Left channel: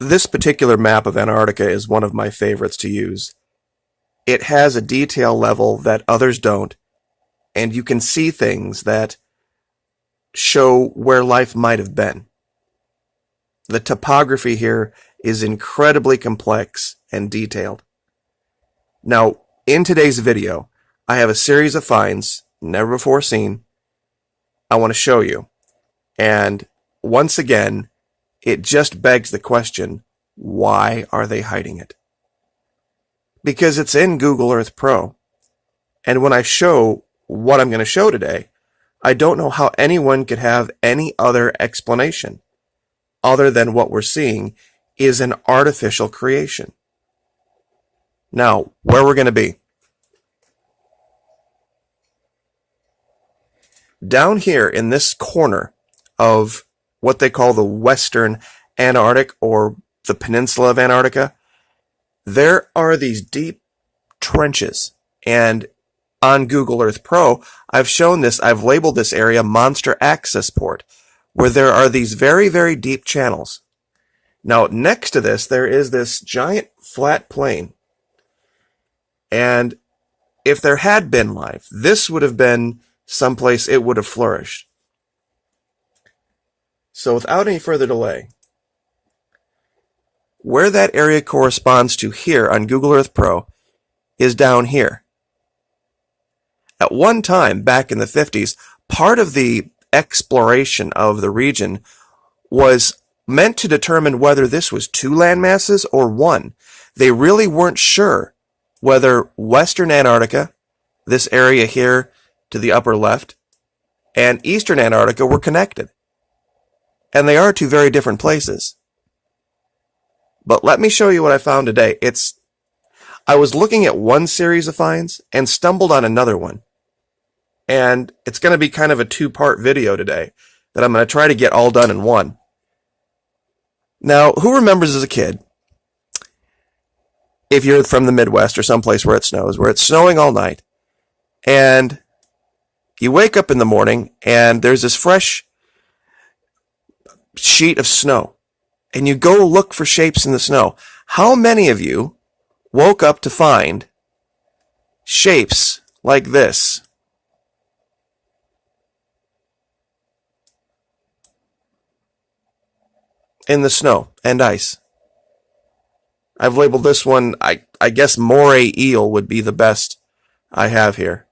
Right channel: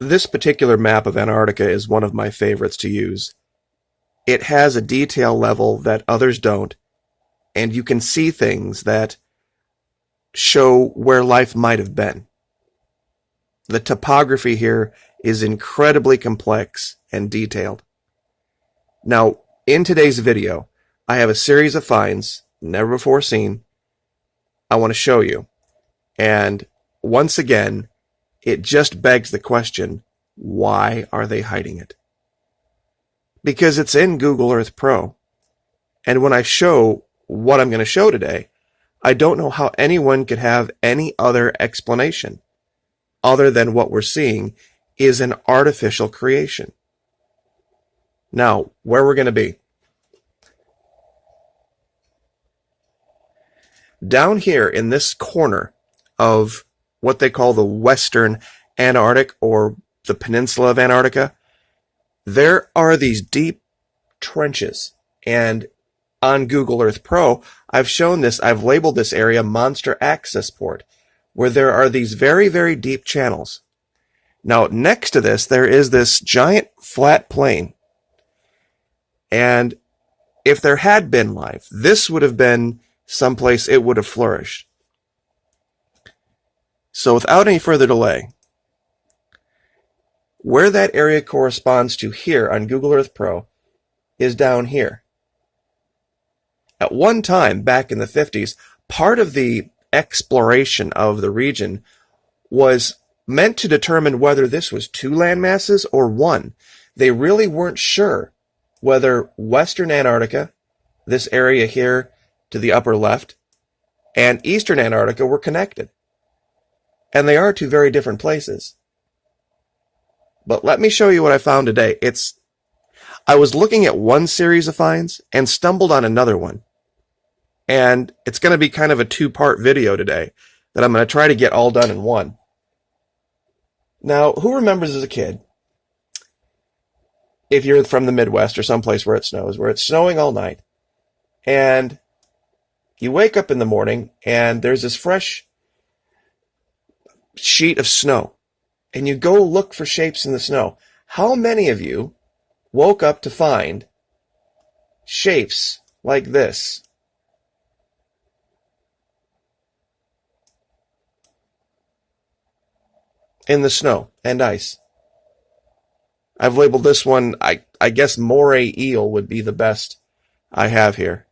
This particular map of Antarctica is one of my favorites to use. It has a detail level that others don't, and you can see things that show where life might have been. The topography here is incredibly complex and detailed. Now, in today's video, I have a series of finds, never before seen, I want to show you. And once again, it just begs the question, why are they hiding it? Because it's in Google Earth Pro. And when I show what I'm going to show today, I don't know how anyone could have any other explanation other than what we're seeing is an artificial creation. Now, where we're going to be. Down here in this corner of what they call the Western Antarctic or the Peninsula of Antarctica, there are these deep trenches. And on Google Earth Pro, I've shown this, I've labeled this area Monster Access Port, where there are these very, very deep channels. Now, next to this, there is this giant flat plain. And if there had been life, this would have been someplace it would have flourished. So without any further delay, where that area corresponds to here on Google Earth Pro is down here. At one time, back in the 50s, part of the exploration of the region was meant to determine whether this was two landmasses or one. They really weren't sure whether Western Antarctica, this area here to the upper left, and Eastern Antarctica were connected. And they are two very different places. But let me show you what I found today. I was looking at one series of finds and stumbled on another one. And it's going to be kind of a two-part video today that I'm going to try to get all done in one. Now, who remembers as a kid, if you're from the Midwest or someplace where it snows, where it's snowing all night, and you wake up in the morning and there's this fresh sheet of snow, and you go look for shapes in the snow. How many of you woke up to find shapes like this? In the snow and ice. I've labeled this one, I guess moray eel would be the best I have here.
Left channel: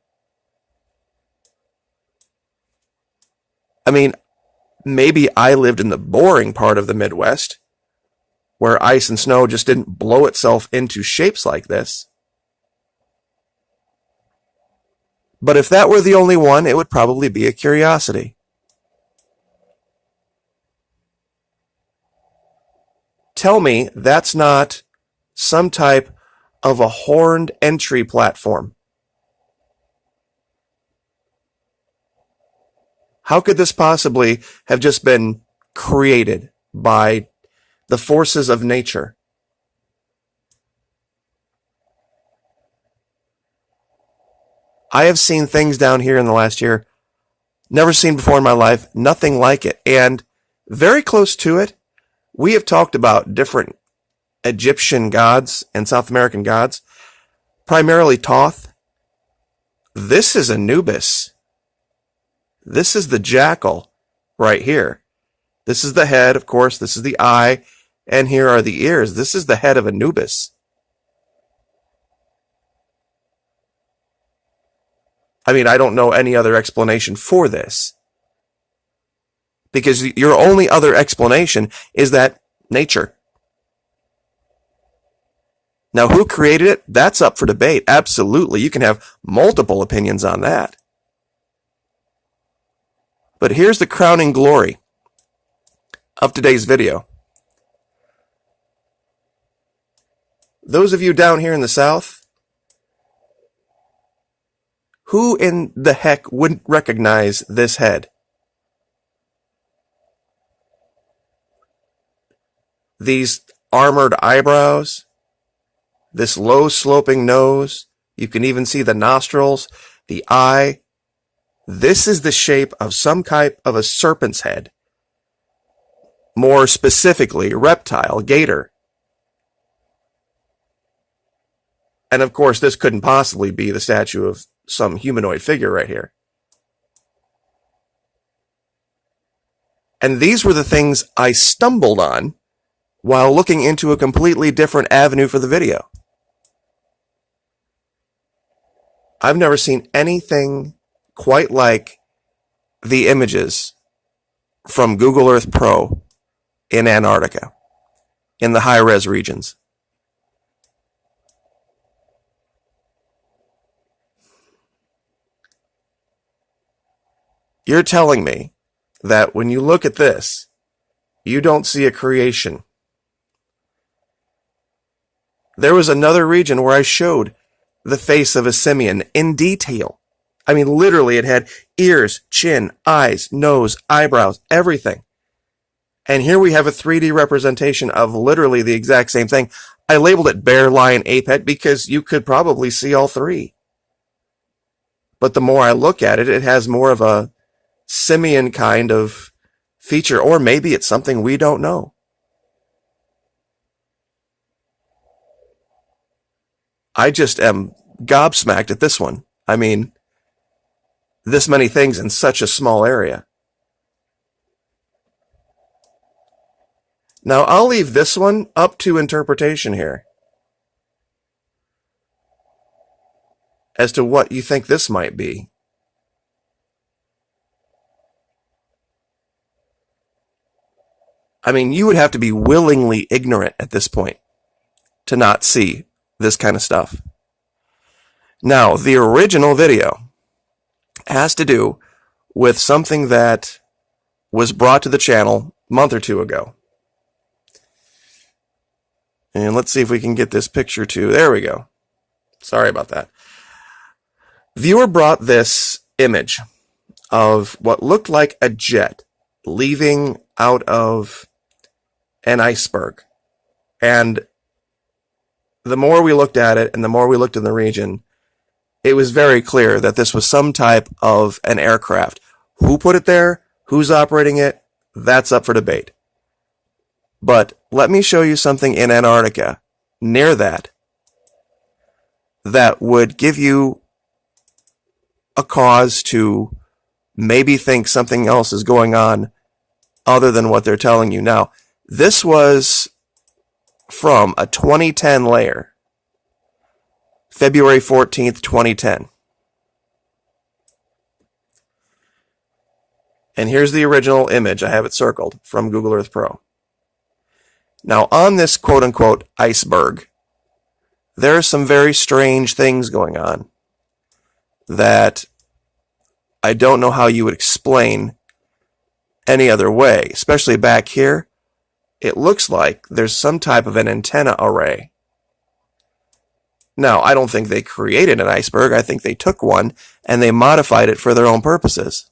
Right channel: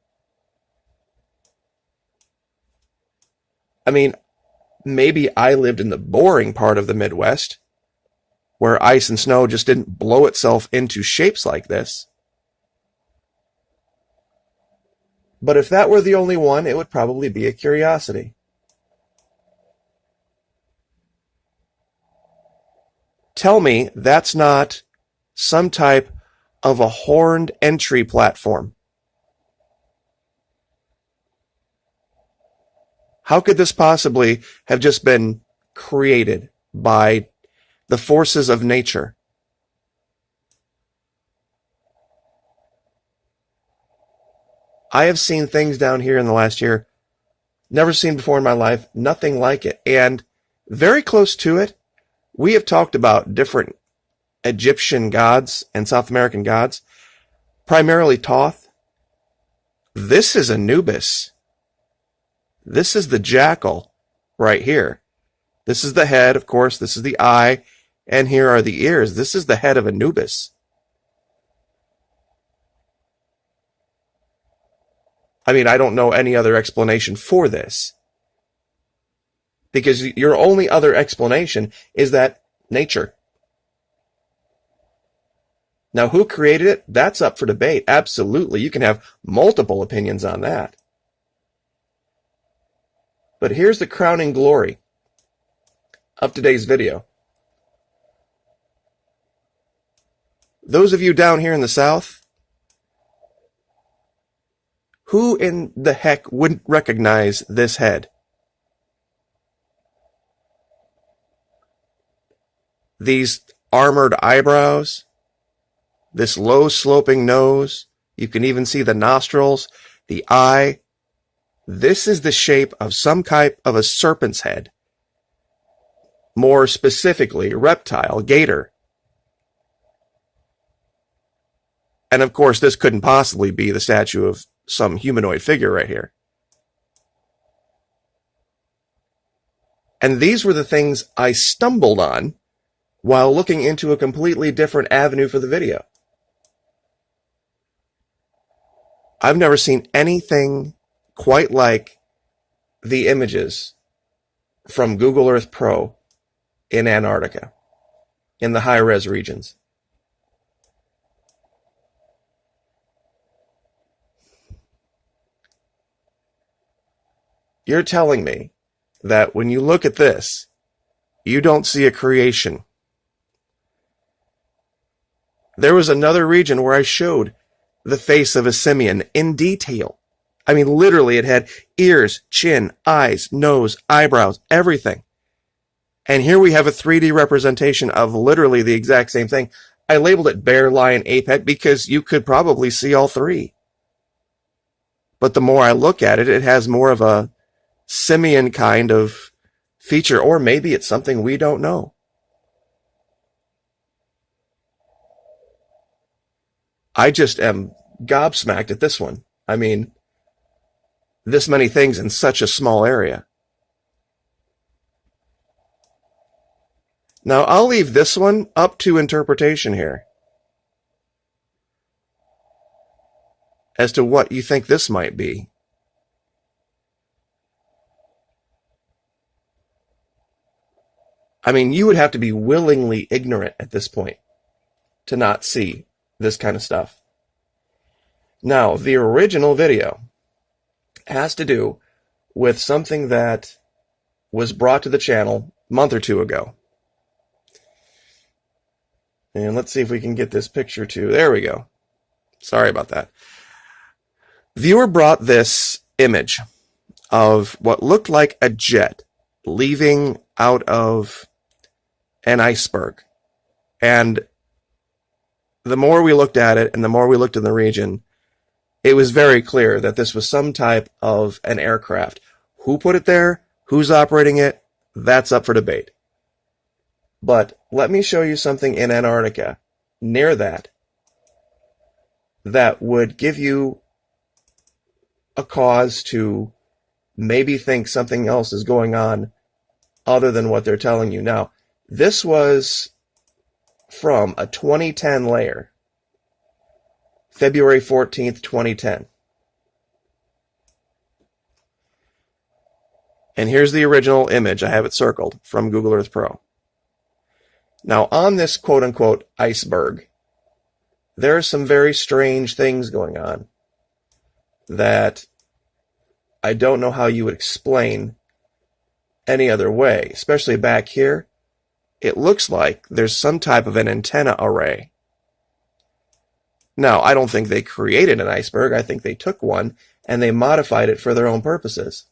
I mean, maybe I lived in the boring part of the Midwest, where ice and snow just didn't blow itself into shapes like this. But if that were the only one, it would probably be a curiosity. Tell me that's not some type of a horned entry platform. How could this possibly have just been created by the forces of nature? I have seen things down here in the last year, never seen before in my life, nothing like it. And very close to it, we have talked about different Egyptian gods and South American gods, primarily Thoth. This is Anubis. This is the jackal right here. This is the head, of course, this is the eye, and here are the ears. This is the head of Anubis. I mean, I don't know any other explanation for this. Because your only other explanation is that nature. Now, who created it? That's up for debate. Absolutely. You can have multiple opinions on that. But here's the crowning glory of today's video. Those of you down here in the South, who in the heck wouldn't recognize this head? These armored eyebrows, this low sloping nose, you can even see the nostrils, the eye. This is the shape of some type of a serpent's head. more specifically reptile, gator. And of course, this couldn't possibly be the statue of some humanoid figure right here. And these were the things I stumbled on while looking into a completely different avenue for the video. I've never seen anything quite like the images from Google Earth Pro in Antarctica, in the high-res regions. You're telling me that when you look at this, you don't see a creation. There was another region where I showed the face of a simian in detail. I mean, literally, it had ears, chin, eyes, nose, eyebrows, everything. And here we have a 3D representation of literally the exact same thing. I labeled it bear, lion, ape because you could probably see all three. But the more I look at it, it has more of a simian kind of feature. Or maybe it's something we don't know. I just am gobsmacked at this one. I mean, this many things in such a small area. Now, I'll leave this one up to interpretation here as to what you think this might be. I mean, you would have to be willingly ignorant at this point to not see this kind of stuff. Now, the original video has to do with something that was brought to the channel a month or two ago. And let's see if we can get this picture too. There we go. Sorry about that. Viewer brought this image of what looked like a jet leaving out of an iceberg. And the more we looked at it and the more we looked in the region, it was very clear that this was some type of an aircraft. Who put it there? Who's operating it? That's up for debate. But let me show you something in Antarctica, near that would give you a cause to maybe think something else is going on other than what they're telling you. Now, this was from a 2010 layer, February 14th, 2010. And here's the original image. I have it circled from Google Earth Pro. Now, on this quote-unquote iceberg, there are some very strange things going on that I don't know how you would explain any other way. Especially back here, it looks like there's some type of an antenna array. Now, I don't think they created an iceberg. I think they took one and they modified it for their own purposes.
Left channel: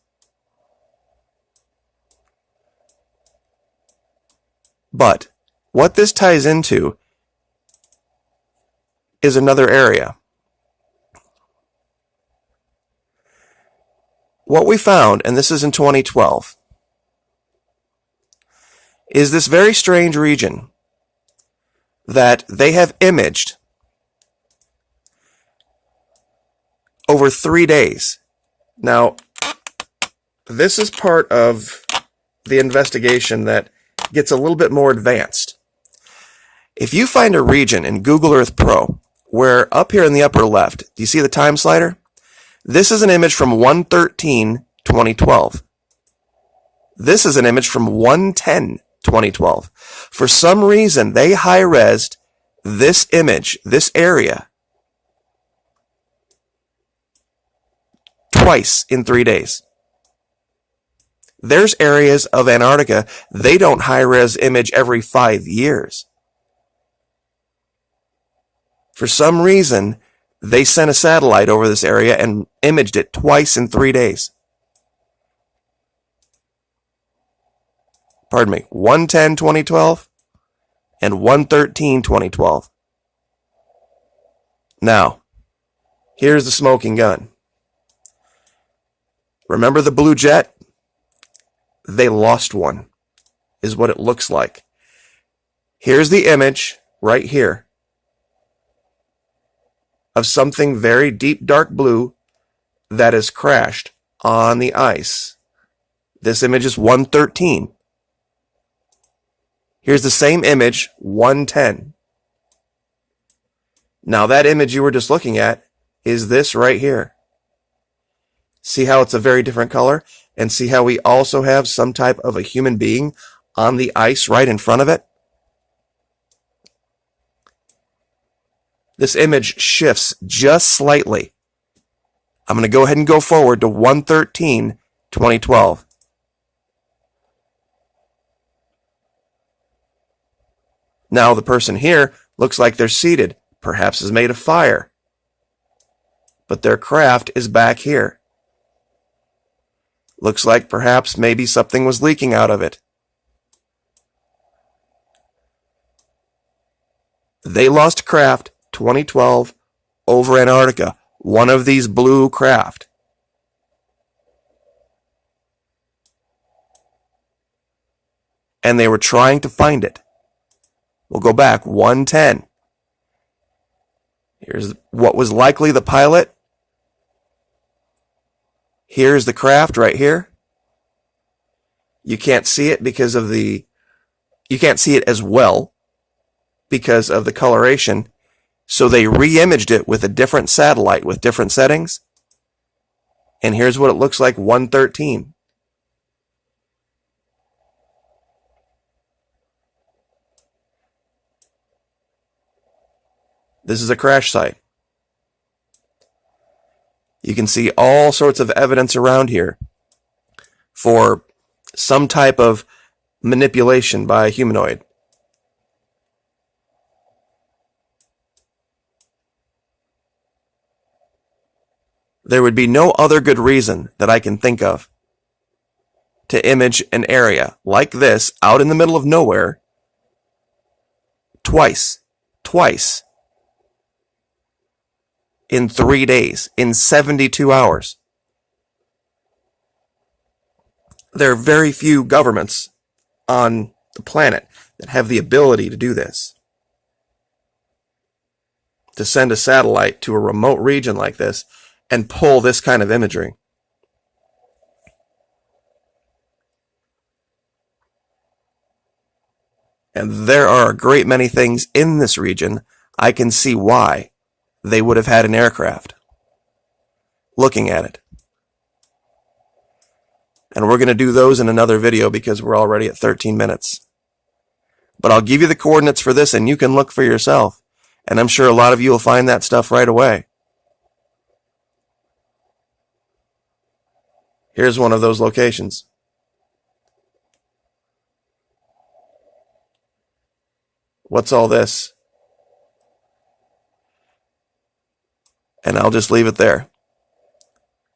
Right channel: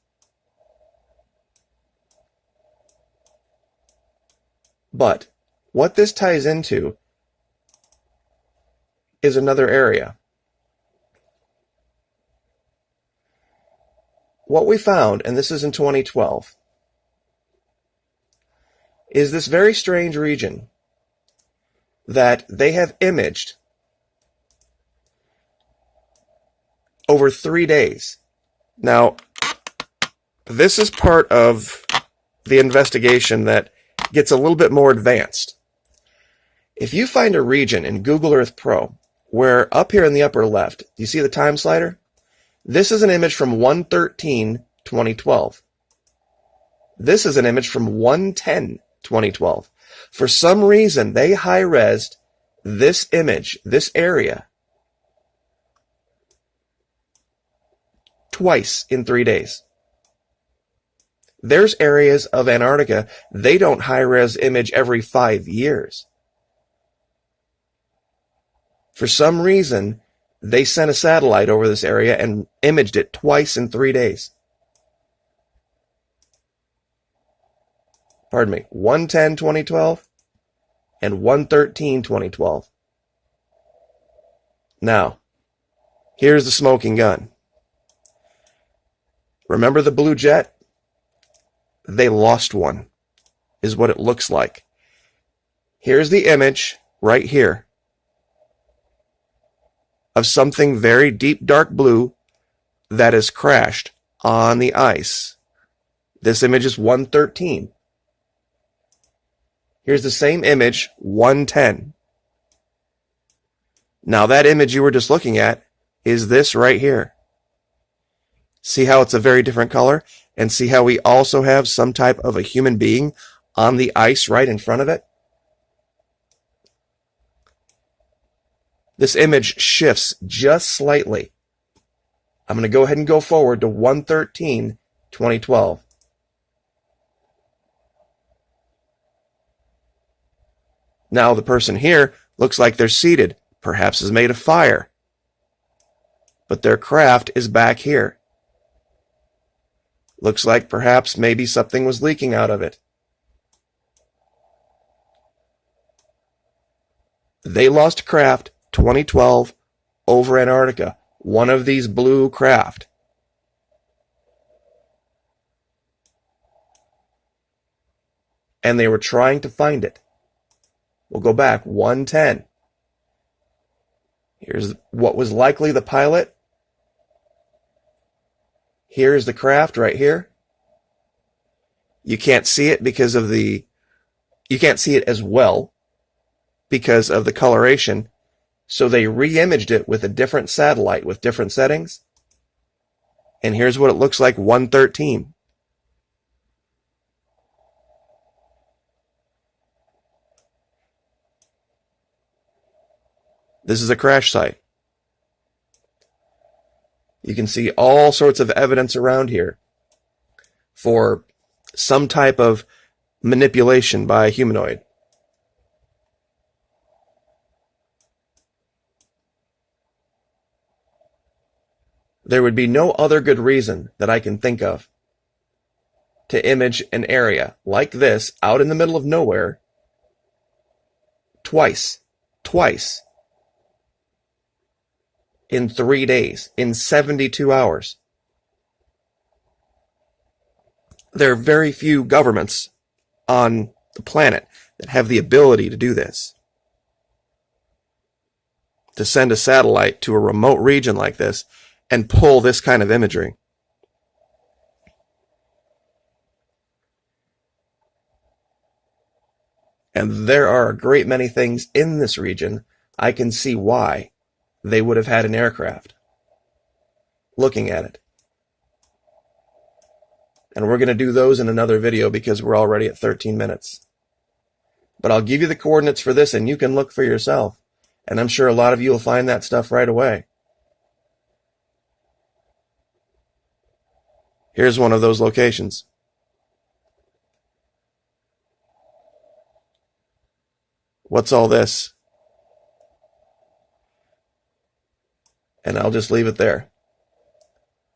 But what this ties into is another area. What we found, and this is in 2012, is this very strange region that they have imaged over 3 days. Now, this is part of the investigation that gets a little bit more advanced. If you find a region in Google Earth Pro where up here in the upper left, do you see the time slider? This is an image from 1/13/2012. This is an image from 1/10/2012. For some reason, they high-resed this image, this area, twice in 3 days. There's areas of Antarctica, they don't high-res image every 5 years. For some reason, they sent a satellite over this area and imaged it twice in 3 days. Pardon me, 1/10/2012 and 1/13/2012. Now, here's the smoking gun. Remember the blue jet? They lost one is what it looks like. Here's the image right here of something very deep dark blue that has crashed on the ice. This image is 113. Here's the same image, 110. Now that image you were just looking at is this right here. See how it's a very different color? And see how we also have some type of a human being on the ice right in front of it? This image shifts just slightly. I'm going to go ahead and go forward to 113, 2012. Now the person here looks like they're seated, perhaps is made of fire. But their craft is back here. Looks like perhaps maybe something was leaking out of it. They lost craft 2012 over Antarctica, one of these blue craft. And they were trying to find it. We'll go back 110. Here's what was likely the pilot. Here's the craft right here. You can't see it because of you can't see it as well because of the coloration. So they re-imaged it with a different satellite with different settings. And here's what it looks like 113. This is a crash site. You can see all sorts of evidence around here for some type of manipulation by a humanoid. There would be no other good reason that I can think of to image an area like this out in the middle of nowhere twice in 3 days, in 72 hours. There are very few governments on the planet that have the ability to do this. To send a satellite to a remote region like this and pull this kind of imagery. And there are a great many things in this region I can see why they would have had an aircraft looking at it. And we're going to do those in another video because we're already at 13 minutes. But I'll give you the coordinates for this and you can look for yourself. And I'm sure a lot of you will find that stuff right away. Here's one of those locations. What's all this? And I'll just leave it there.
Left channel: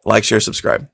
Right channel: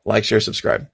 Like, share, subscribe.